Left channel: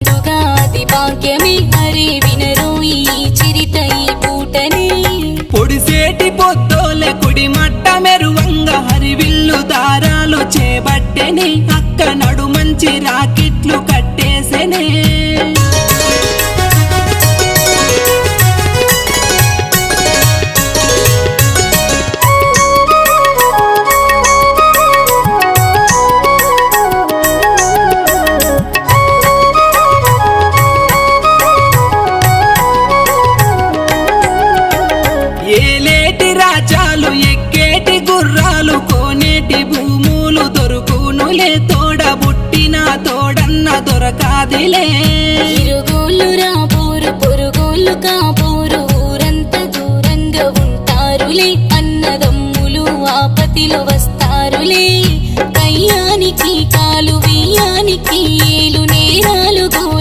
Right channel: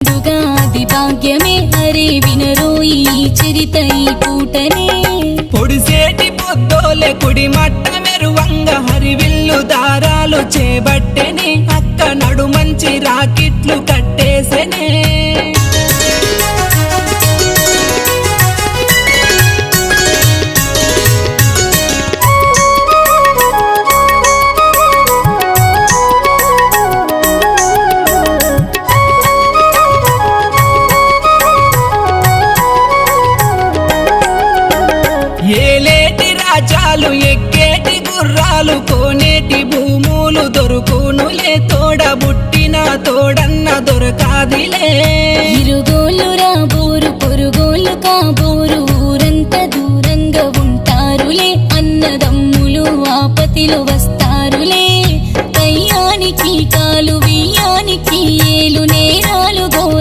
దుగాది భాగ్యమే అరే వినరో ఈ చరిత ఈ పూటనే పొడిసేటి పొద్దోలే కుడి మట్ట మెరువంగ హరివిల్లు దారాలు చేబట్టెనే అక్క నడు మంచి రాకిట్లు కట్టేసెనే ఏలేటి రాజాలు ఎక్కేటి గుర్రాలు కోనేటి భూములు దొరుకునులే తోడబుట్టిన తోడన్న దొరకాదిలే ఇరుగోళ్ళు రాబోరు పొరుగోళ్ళు కాబోరు ఊరంతా దూరంగా ఉంటారులే అన్నదమ్ములు ఆపతిలో వస్తారులే కయ్యానికి కాలు